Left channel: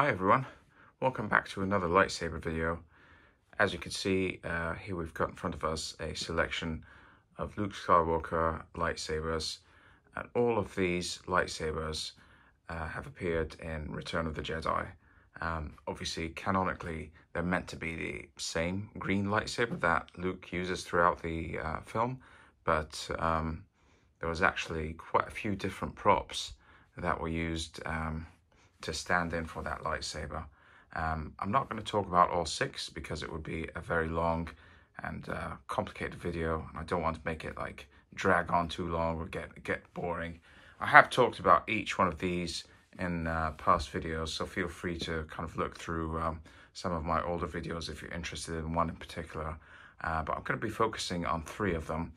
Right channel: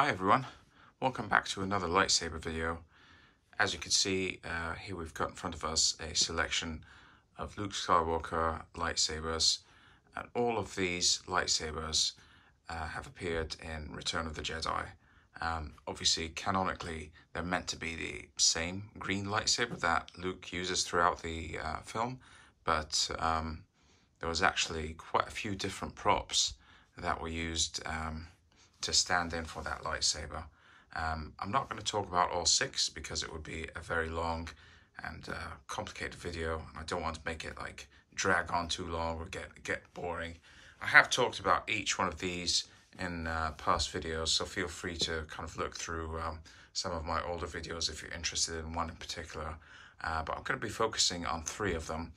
Hi everyone, welcome back to another lightsaber video. As you can see, here we've got in front of us a selection of Luke Skywalker lightsabers, and all of these lightsabers have appeared in Return of the Jedi. Obviously, canonically, they're meant to be the same green lightsaber that Luke uses throughout the film, but there was actually quite a few different props that were used to stand in for that lightsaber. I'm not going to talk about all 6 because it would be a very long and complicated video. I don't want to make it like drag on too long or get boring. I have talked about each one of these in past videos, so feel free to kind of look through some of my older videos if you're interested in one in particular. But I'm going to be focusing on 3 of them.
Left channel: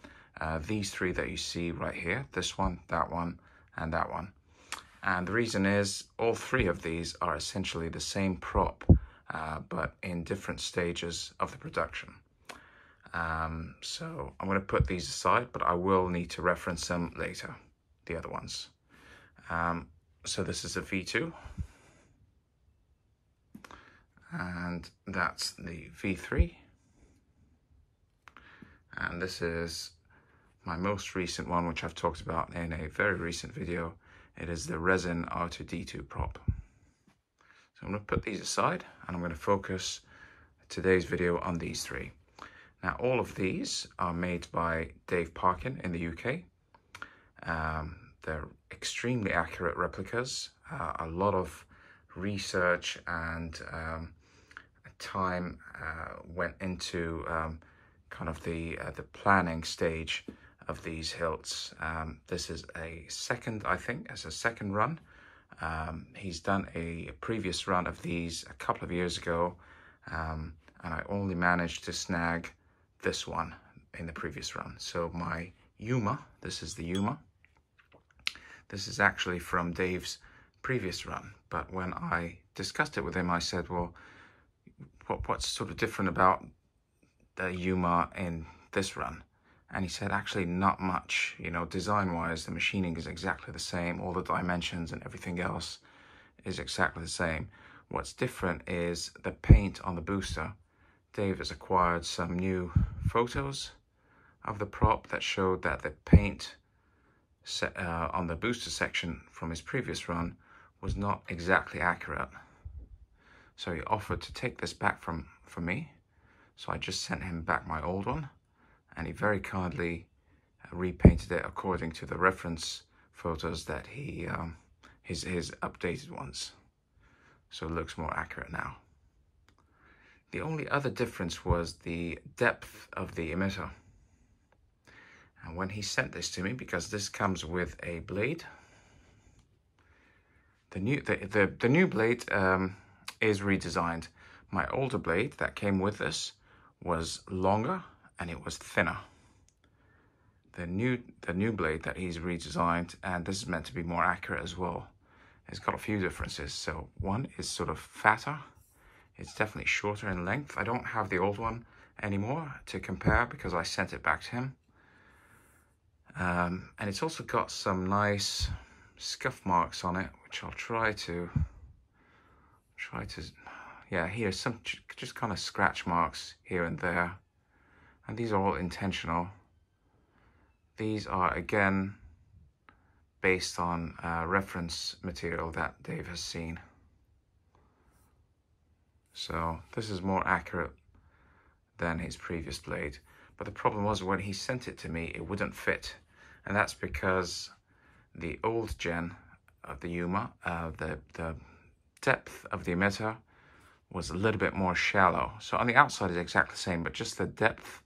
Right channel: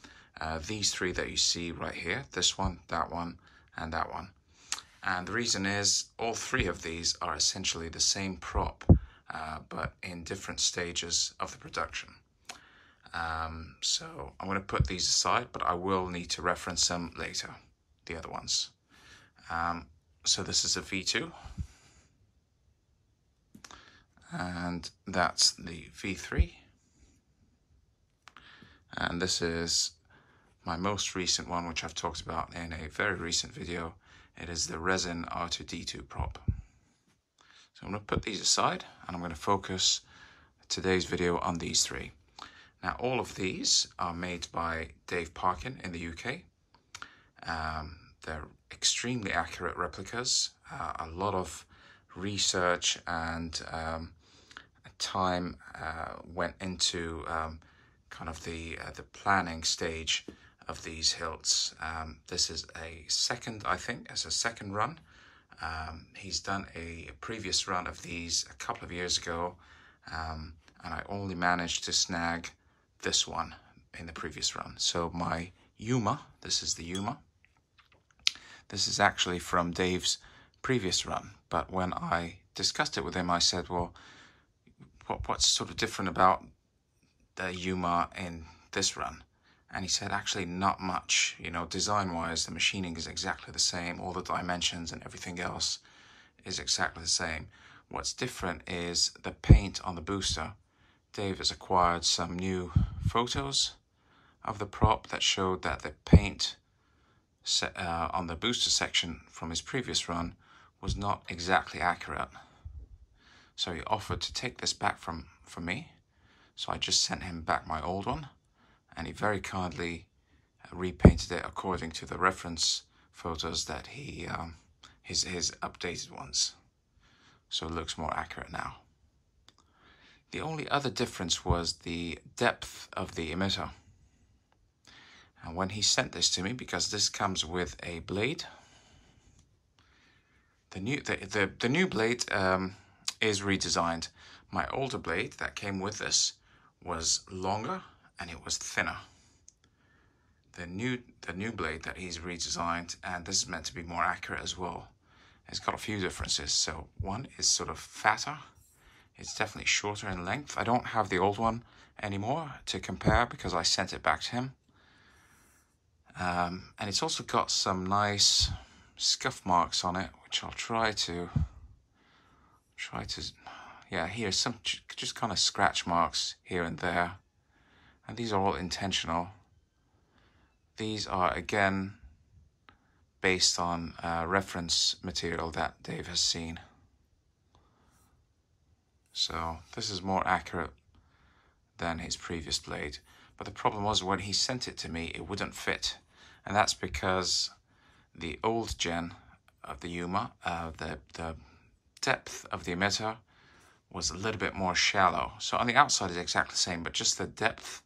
These 3 that you see right here, this one, and that one. And the reason is all 3 of these are essentially the same prop, but in different stages of the production. So I'm going to put these aside, but I will need to reference them later, the other ones. So this is a V2, and that's the V3. And this is my most recent one, which I've talked about in a very recent video. It is the resin R2-D2 prop. So I'm going to put these aside and I'm going to focus today's video on these 3. Now, all of these are made by Dave Parkin in the UK. They're extremely accurate replicas. A lot of research and time went into kind of the planning stage of these hilts. This is a second, I think, as a second run. He's done a previous run of these a couple of years ago, and I only managed to snag this one in the previous run. So my Yuma, this is the Yuma. This is actually from Dave's previous run, but when I discussed it with him, I said, well, what's sort of different about the Yuma in this run? And he said, actually, not much. You know, design-wise, the machining is exactly the same. All the dimensions and everything else is exactly the same. What's different is the paint on the booster. Dave has acquired some new photos of the prop that showed that the paint on the booster section from his previous run was not exactly accurate. So he offered to take this back from me. So I just sent him back my old one, and he very kindly repainted it according to the reference photos that he, his updated ones. So it looks more accurate now. The only other difference was the depth of the emitter. And when he sent this to me, because this comes with a blade, the new blade is redesigned. My older blade that came with this was longer and it was thinner. The new blade that he's redesigned, and this is meant to be more accurate as well, it's got a few differences. So one is sort of fatter. It's definitely shorter in length. I don't have the old one anymore to compare because I sent it back to him. And it's also got some nice scuff marks on it, which I'll try to, yeah, here's some just kind of scratch marks here and there. And these are all intentional. These are, again, based on reference material that Dave has seen. So this is more accurate than his previous blade. But the problem was when he sent it to me, it wouldn't fit. And that's because the old gen of the Yuma, the depth of the emitter was a little bit more shallow. So on the outside is exactly the same, but just the depth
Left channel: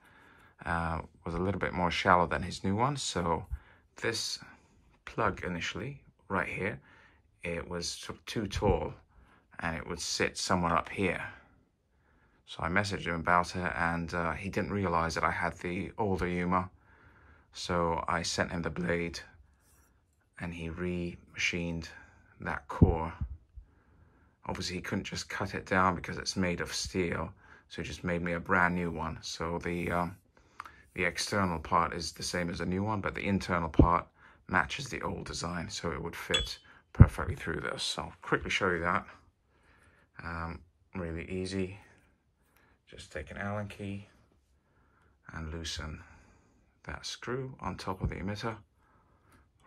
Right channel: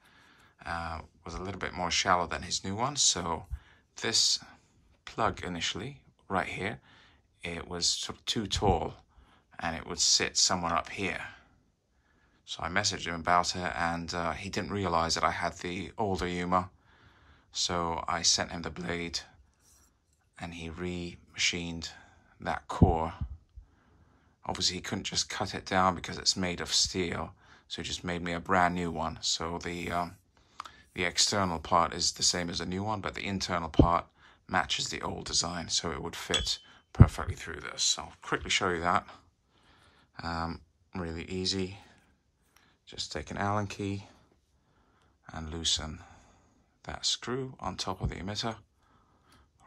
was a little bit more shallow than his new one. So this plug initially, right here, it was sort of too tall and it would sit somewhere up here. So I messaged him about it, and he didn't realize that I had the older Yuma. So I sent him the blade and he remachined that core. Obviously he couldn't just cut it down because it's made of steel, so he just made me a brand new one. So the external part is the same as the new one, but the internal part matches the old design, so it would fit perfectly through this. So I'll quickly show you that. Really easy. Just take an Allen key and loosen that screw on top of the emitter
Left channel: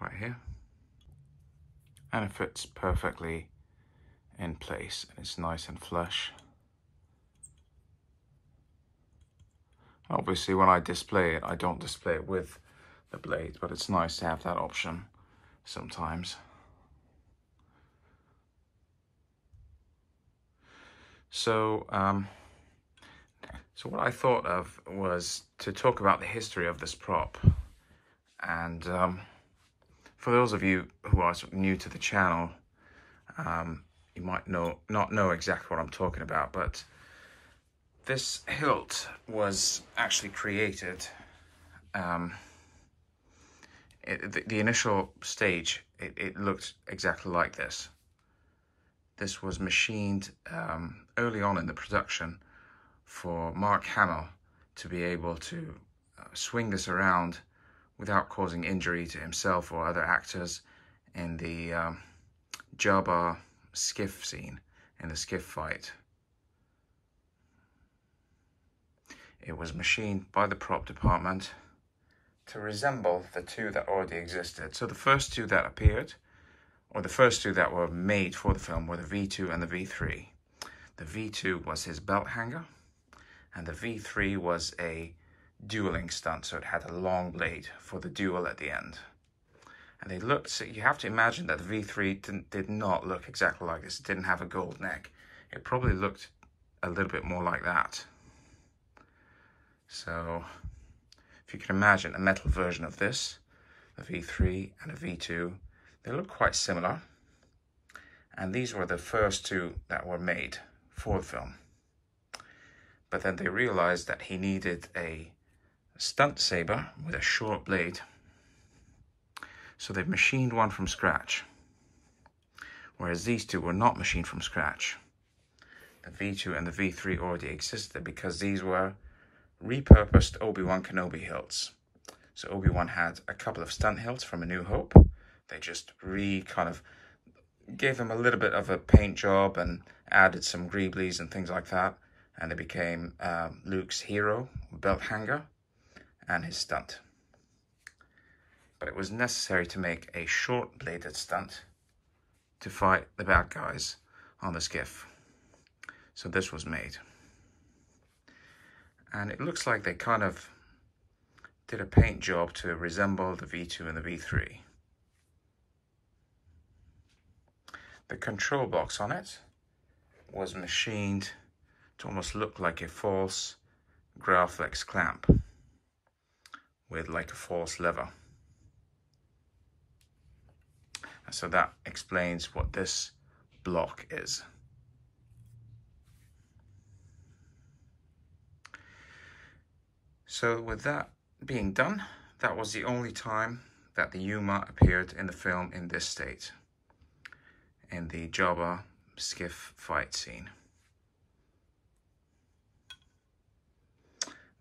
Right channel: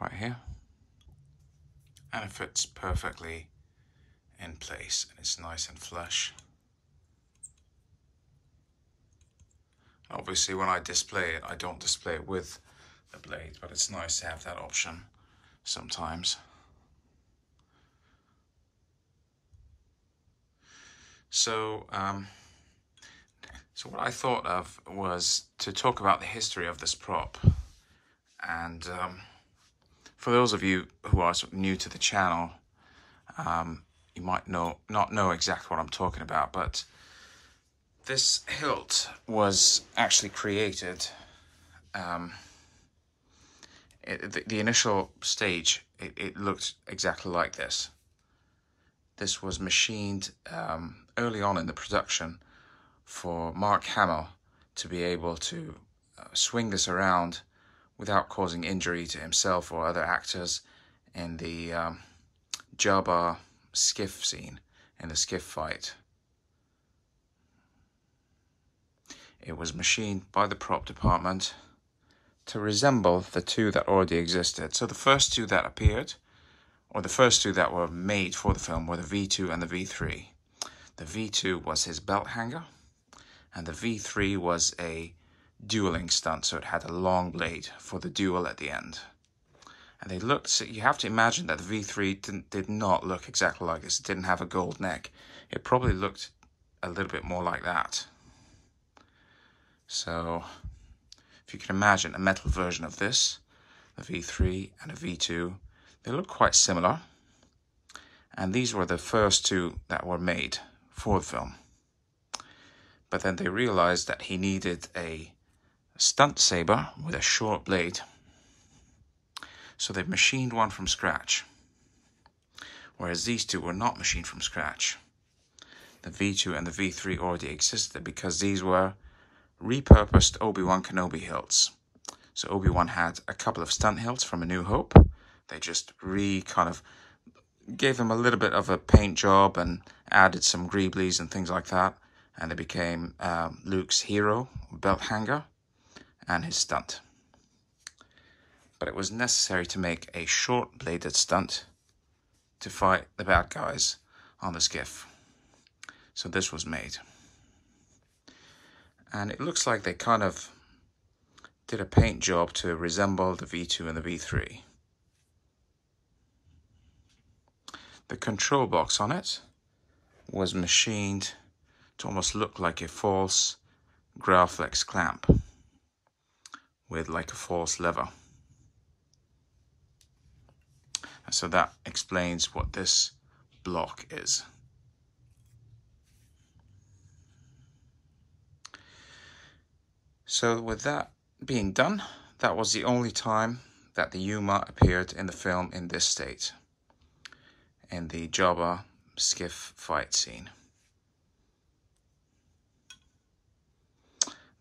right here. And it fits perfectly in place, and it's nice and flush. Obviously, when I display it, I don't display it with the blade, but it's nice to have that option sometimes. So what I thought of was to talk about the history of this prop. And for those of you who are new to the channel, you might not know exactly what I'm talking about, but this hilt was actually created, the initial stage, it looked exactly like this. This was machined early on in the production for Mark Hamill to be able to swing this around without causing injury to himself or other actors in the Jabba skiff scene, in the skiff fight. It was machined by the prop department to resemble the two that already existed. So the first two that appeared, or the first two that were made for the film, were the V2 and the V3. The V2 was his belt hanger, and the V3 was a dueling stunt, so it had a long blade for the duel at the end. And they looked, so you have to imagine that the V3 did not look exactly like this. It didn't have a gold neck. It probably looked a little bit more like that. So if you can imagine a metal version of this, a V3 and a V2, they look quite similar. And these were the first two that were made for the film. But then they realized that he needed a stunt saber with a short blade. So they machined one from scratch. Whereas these two were not machined from scratch. The V2 and the V3 already existed because these were repurposed Obi-Wan Kenobi hilts. So Obi-Wan had a couple of stunt hilts from A New Hope. They just kind of gave him a little bit of a paint job and added some greeblies and things like that. And they became Luke's hero, belt hanger, and his stunt. But it was necessary to make a short-bladed stunt to fight the bad guys on the skiff. So this was made. And it looks like they kind of did a paint job to resemble the V2 and the V3. The control box on it was machined to almost look like a false Graflex clamp with like a false lever. And so that explains what this block is. So with that being done, that was the only time that the Yuma appeared in the film in this state, in the Jabba skiff fight scene.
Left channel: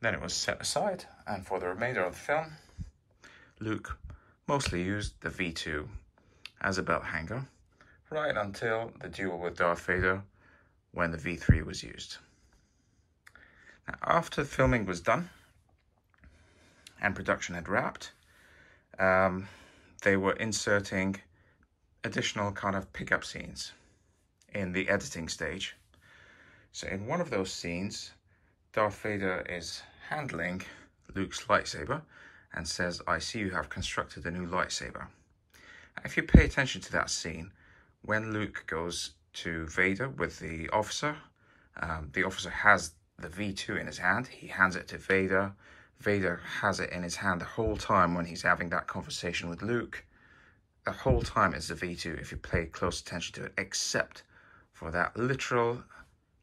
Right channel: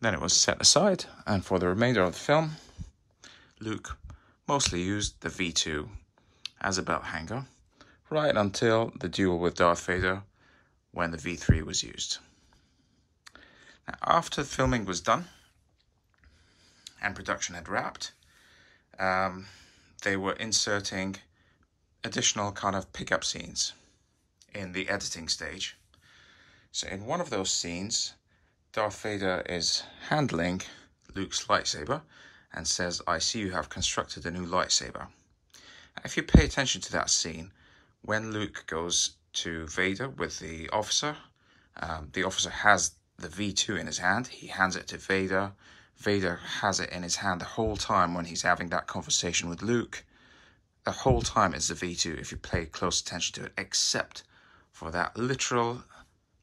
Then it was set aside, and for the remainder of the film, Luke mostly used the V2 as a belt hanger, right until the duel with Darth Vader, when the V3 was used. Now, after filming was done, and production had wrapped, they were inserting additional kind of pickup scenes in the editing stage. So in one of those scenes, Darth Vader is handling Luke's lightsaber and says, "I see you have constructed a new lightsaber." If you pay attention to that scene, when Luke goes to Vader with the officer has the V2 in his hand. He hands it to Vader. Vader has it in his hand the whole time when he's having that conversation with Luke. The whole time it's the V2 if you pay close attention to it, except for that literal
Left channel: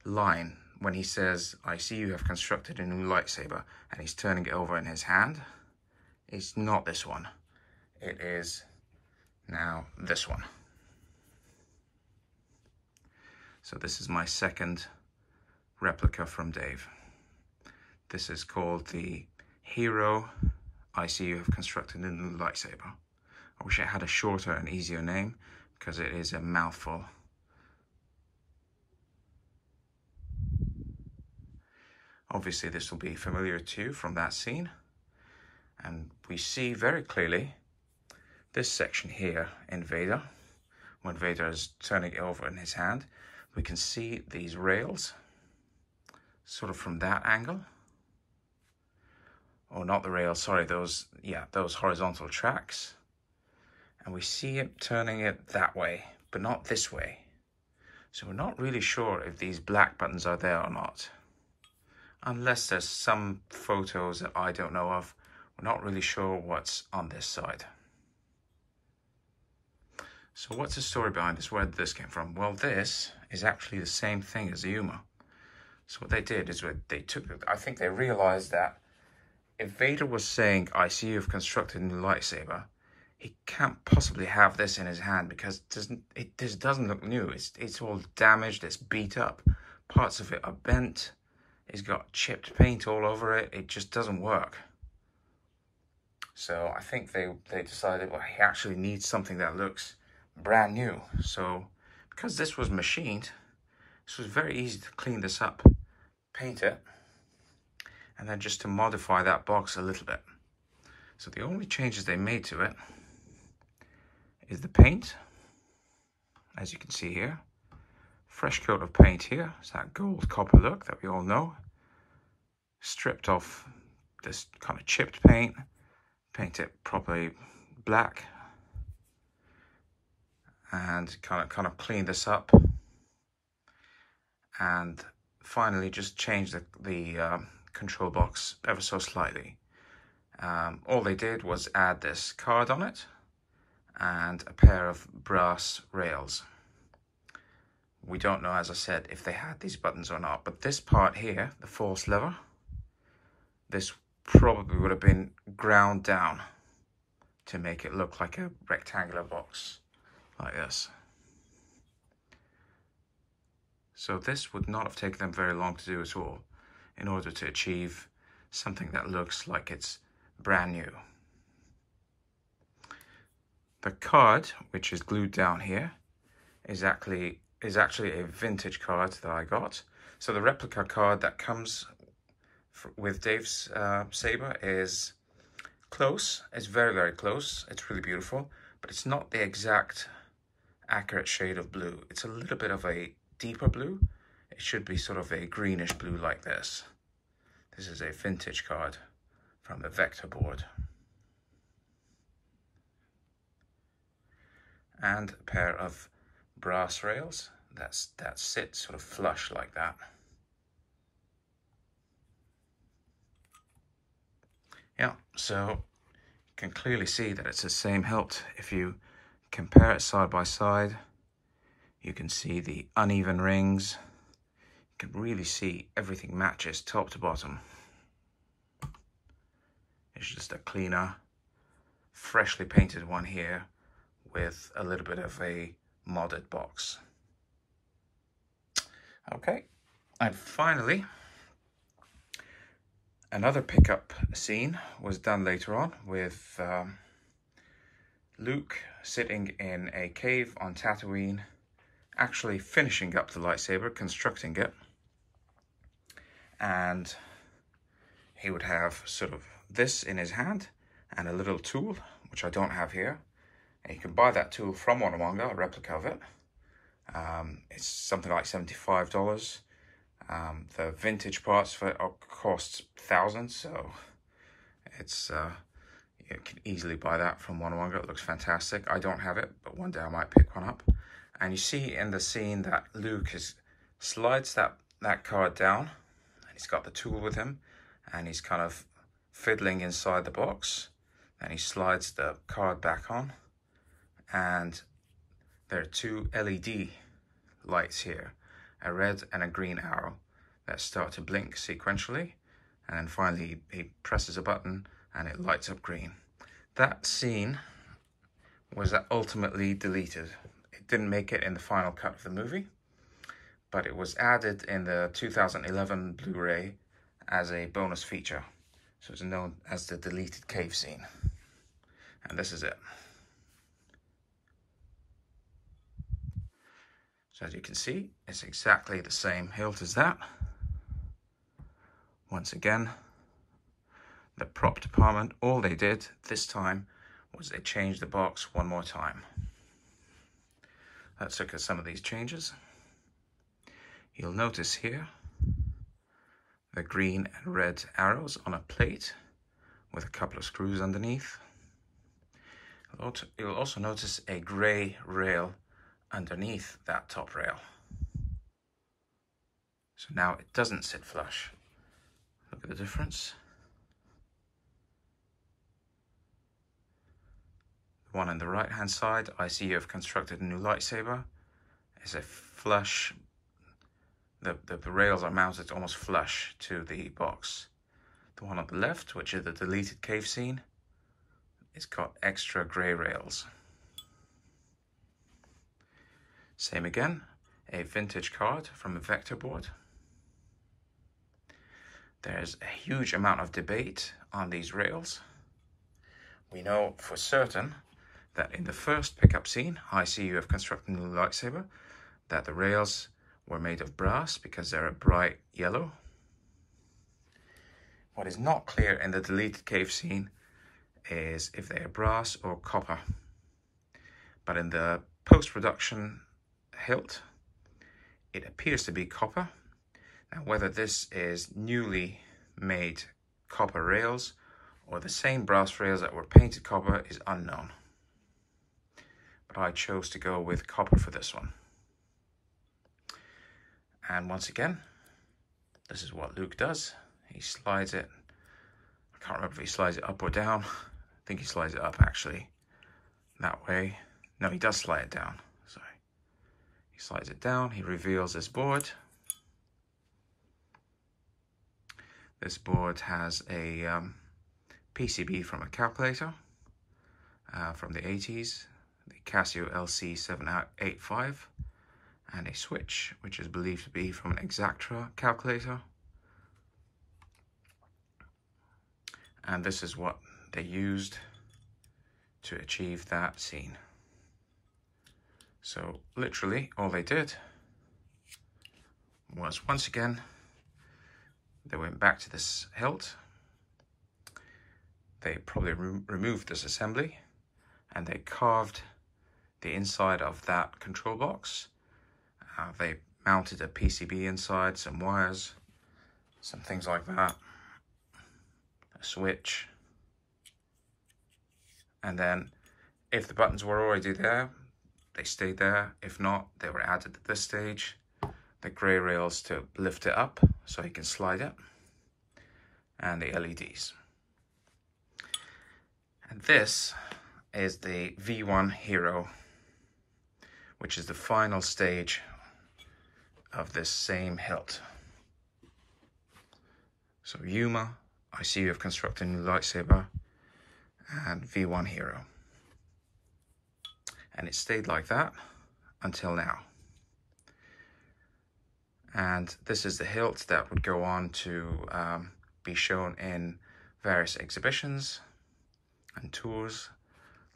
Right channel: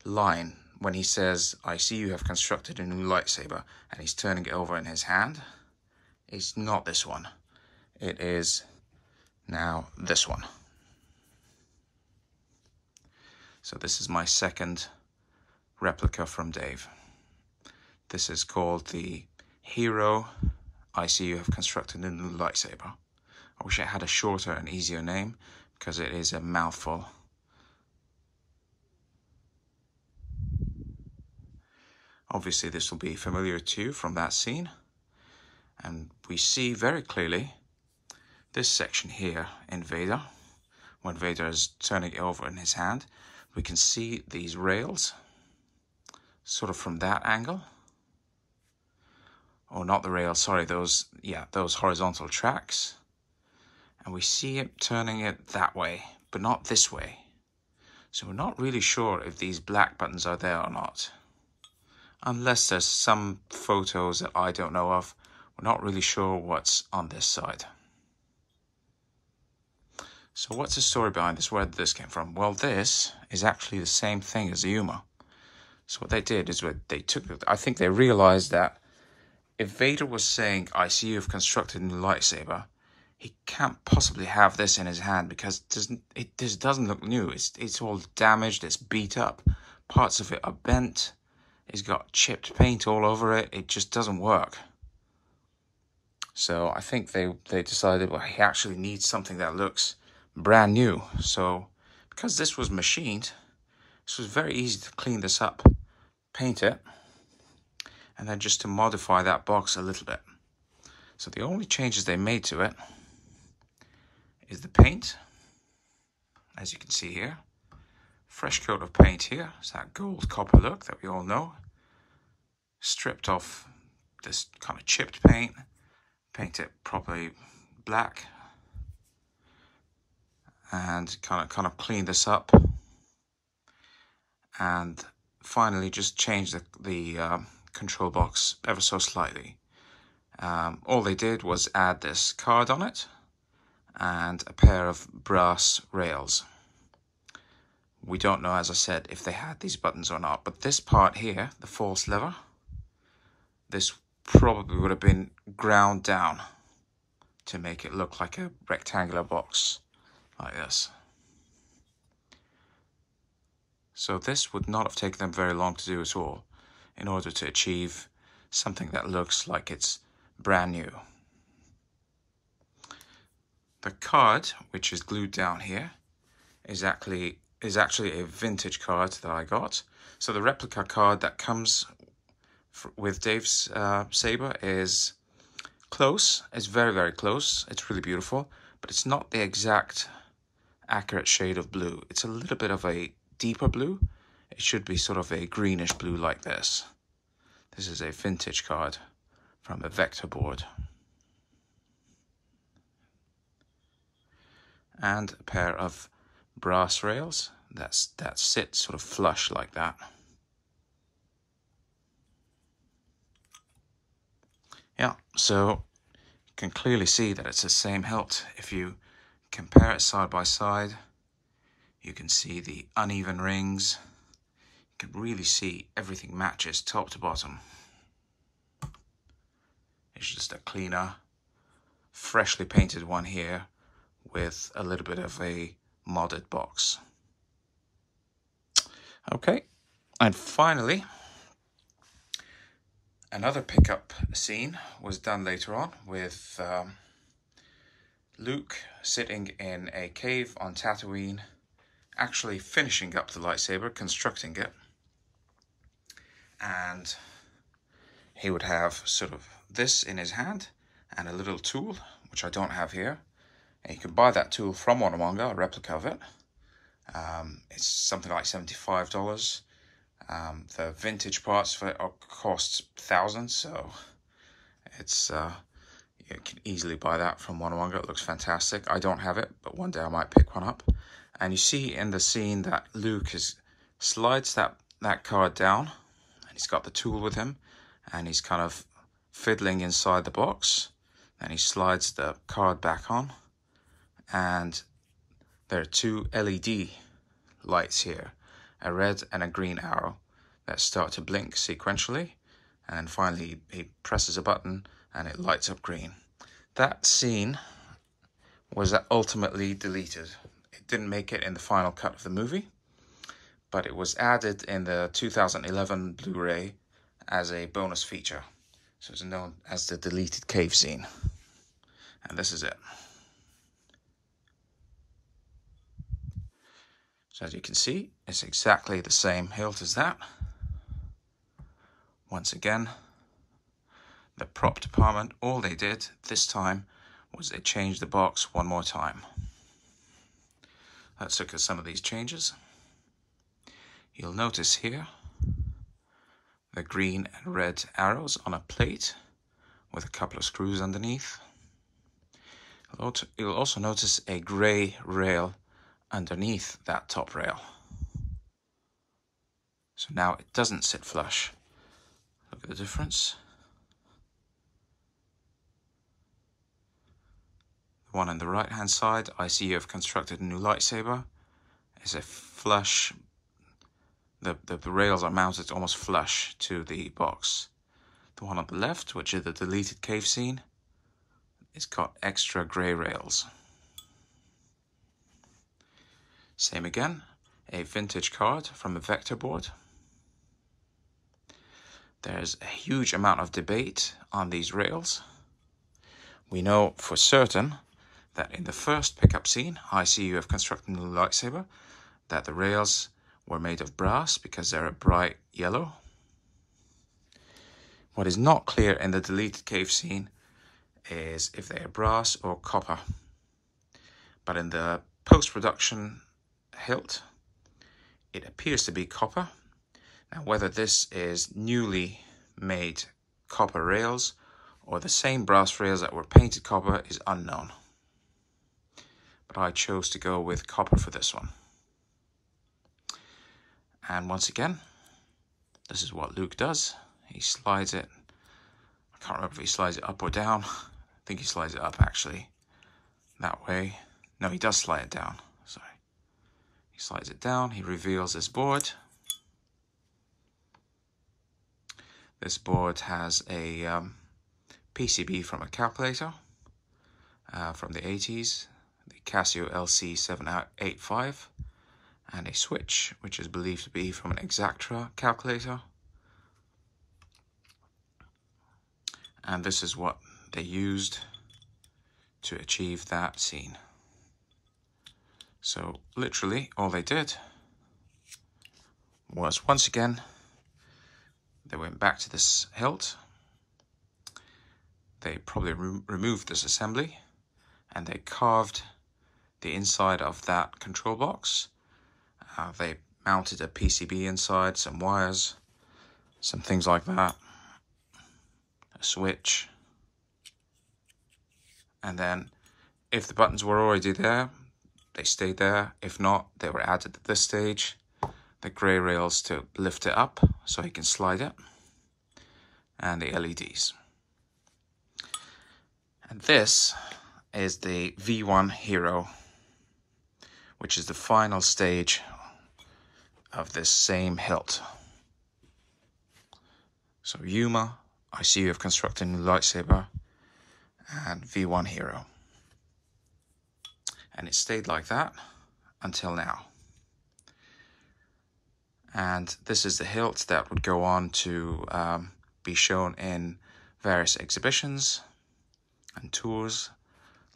line when he says, "I see you have constructed a new lightsaber," and he's turning it over in his hand. It's not this one. It is now this one. So this is my second replica from Dave. This is called the Hero. I see you have constructed a new lightsaber. I wish it had a shorter and easier name because it is a mouthful. Obviously, this will be familiar to you from that scene. And we see very clearly this section here in Vader. When Vader is turning it over in his hand, we can see these rails sort of from that angle. Oh, not the rails, sorry, those horizontal tracks. And we see it turning it that way, but not this way. So we're not really sure if these black buttons are there or not. Unless there's some photos that I don't know of, we're not really sure what's on this side. So what's the story behind this? Where did this came from? Well, this is actually the same thing as the Yuma. So what they did is they took, I think they realized that if Vader was saying, I see you've constructed a new lightsaber, he can't possibly have this in his hand because this doesn't look new. It's all damaged, it's beat up, parts of it are bent, it's got chipped paint all over it, it just doesn't work. So I think they decided, well, he actually needs something that looks brand new. So because this was machined, this was very easy to clean this up, paint it, and then just to modify that box a little bit. So the only changes they made to it is the paint, as you can see here. Fresh coat of paint here. It's that gold copper look that we all know. Stripped off this kind of chipped paint, paint it properly black, and kind of clean this up. And finally just change the control box ever so slightly. All they did was add this card on it and a pair of brass rails. We don't know, as I said, if they had these buttons or not, but this part here, the false lever, this probably would have been ground down to make it look like a rectangular box like this. So this would not have taken them very long to do at all in order to achieve something that looks like it's brand new. The card, which is glued down here, is actually a vintage card that I got. So the replica card that comes with Dave's saber is close. It's very, very close. It's really beautiful, but it's not the exact accurate shade of blue. It's a little bit of a deeper blue. It should be sort of a greenish blue like this. This is a vintage card from a vector board. And a pair of brass rails that sit sort of flush like that. Yeah, so you can clearly see that it's the same hilt. If you compare it side by side, you can see the uneven rings. You can really see everything matches top to bottom. It's just a cleaner, freshly painted one here with a little bit of a modded box. Okay, and finally, another pickup scene was done later on with Luke sitting in a cave on Tatooine, actually finishing up the lightsaber, constructing it. And he would have sort of this in his hand and a little tool, which I don't have here. And you can buy that tool from Warnemonga, a replica of it. It's something like $75. The vintage parts for it cost thousands, so it's you can easily buy that from Warnemonga. It looks fantastic. I don't have it, but one day I might pick one up. And you see in the scene that Luke slides that card down, and he's got the tool with him, and he's kind of fiddling inside the box, and he slides the card back on, and there are two LED lights here, a red and a green arrow that start to blink sequentially, and then finally he presses a button and it lights up green. That scene was ultimately deleted. It didn't make it in the final cut of the movie, but it was added in the 2011 Blu-ray as a bonus feature. So it's known as the deleted cave scene. And this is it. So as you can see, it's exactly the same hilt as that. once again, the prop department, all they did this time was they changed the box one more time. Let's look at some of these changes. You'll notice here the green and red arrows on a plate with a couple of screws underneath. You'll also notice a grey rail underneath that top rail. So now it doesn't sit flush. Look at the difference. The one on the right hand side, I see you have constructed a new lightsaber, is a flush. The rails are mounted almost flush to the box. The one on the left, which is the deleted cave scene, it's got extra grey rails. Same again, a vintage card from a vector board. There's a huge amount of debate on these rails. We know for certain that in the first pickup scene, I see you have constructed a new lightsaber, that the rails were made of brass because they're a bright yellow. What is not clear in the deleted cave scene is if they are brass or copper. But in the post-production hilt, it appears to be copper. Now, whether this is newly made copper rails or the same brass rails that were painted copper is unknown. But I chose to go with copper for this one. And once again, this is what Luke does. He slides it. I can't remember if he slides it up or down. I think he slides it up actually. That way. No, he does slide it down. Sorry. He slides it down. He reveals this board. This board has a PCB from a calculator from the 80s, the Casio LC-785, and a switch, which is believed to be from an Exactra calculator. And this is what they used to achieve that scene. So literally all they did was, once again, they went back to this hilt. They probably removed this assembly and they carved the inside of that control box. They mounted a PCB inside, some wires, some things like that, a switch. And then if the buttons were already there, they stayed there. If not, they were added at this stage. The grey rails to lift it up so you can slide it, and the LEDs. And this is the V1 Hero, which is the final stage of this same hilt. So Yuma, I see you have constructed a new lightsaber, and V1 Hero. And it stayed like that until now. And this is the hilt that would go on to be shown in various exhibitions and tours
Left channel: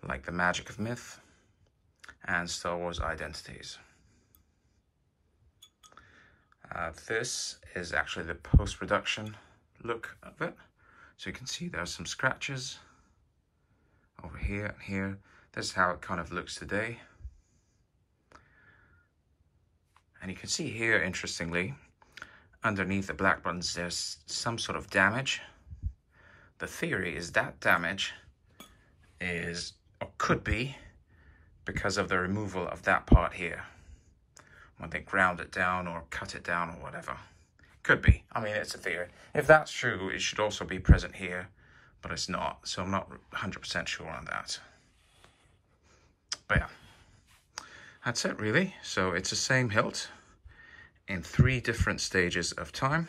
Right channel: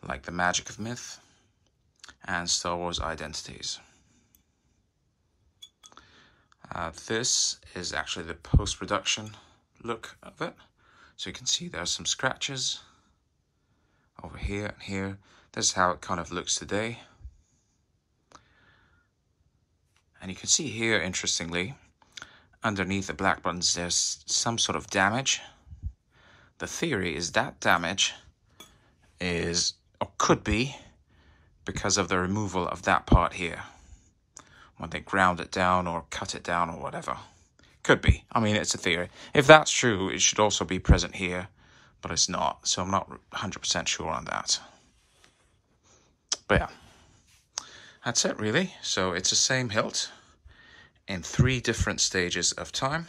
like the Magic of Myth and Star Wars Identities. This is actually the post-production look of it. So you can see there's some scratches over here and here. This is how it kind of looks today. And you can see here, interestingly, underneath the black buttons, there's some sort of damage. The theory is that damage is, or could be, because of the removal of that part here, when they ground it down or cut it down or whatever. Could be. I mean, it's a theory. If that's true, it should also be present here, but it's not. So I'm not 100% sure on that. But yeah, that's it really. So it's the same hilt in 3 different stages of time.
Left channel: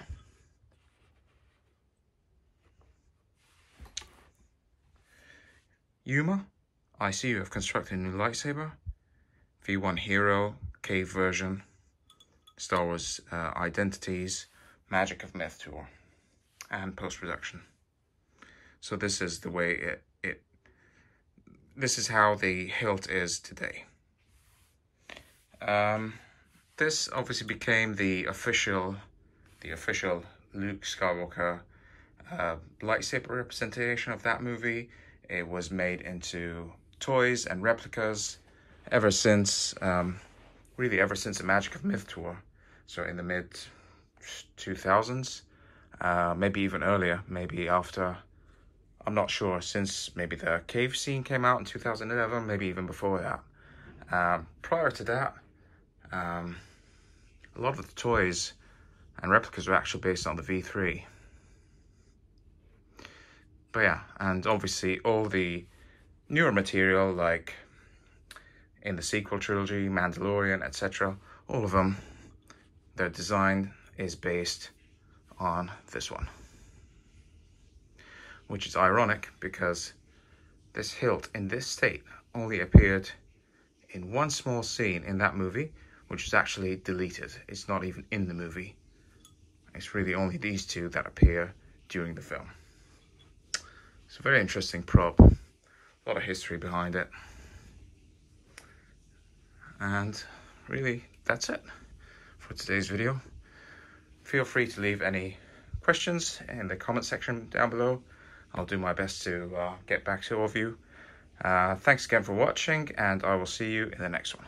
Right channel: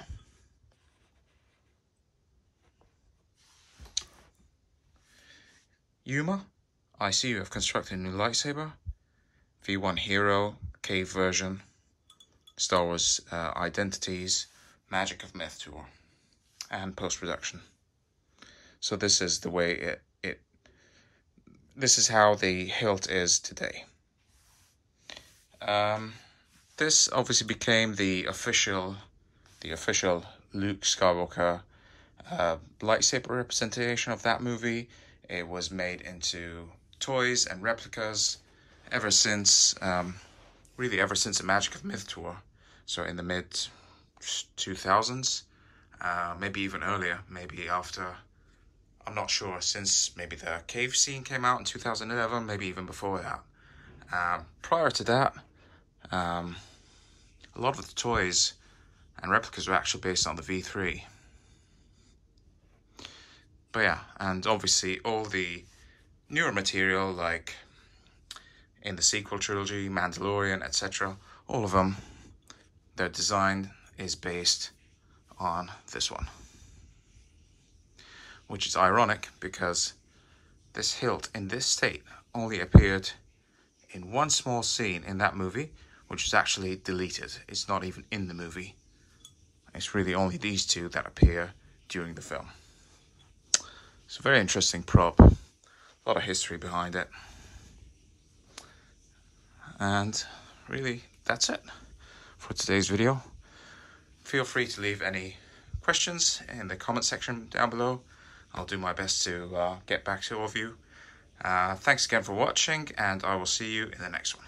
Yuma, I see you have constructed a new lightsaber. V1 Hero, Cave version, Star Wars Identities, Magic of Myth tour, and post-production. So this is the way this is how the hilt is today. This obviously became the official Luke Skywalker lightsaber representation of that movie. It was made into toys and replicas ever since, really ever since the Magic of Myth tour. So in the mid 2000s, maybe even earlier, maybe after, I'm not sure, since maybe the cave scene came out in 2011, maybe even before that. Prior to that, a lot of the toys and replicas were actually based on the V3. But yeah, and obviously all the newer material, like in the sequel trilogy, Mandalorian, etc., all of them, their design is based on this one. Which is ironic because this hilt in this state only appeared in one small scene in that movie, which was actually deleted. It's not even in the movie. It's really only these two that appear during the film. It's a very interesting prop. A lot of history behind it. And really, that's it for today's video. Feel free to leave any questions in the comment section down below. I'll do my best to get back to all of you. Thanks again for watching, and I will see you in the next one.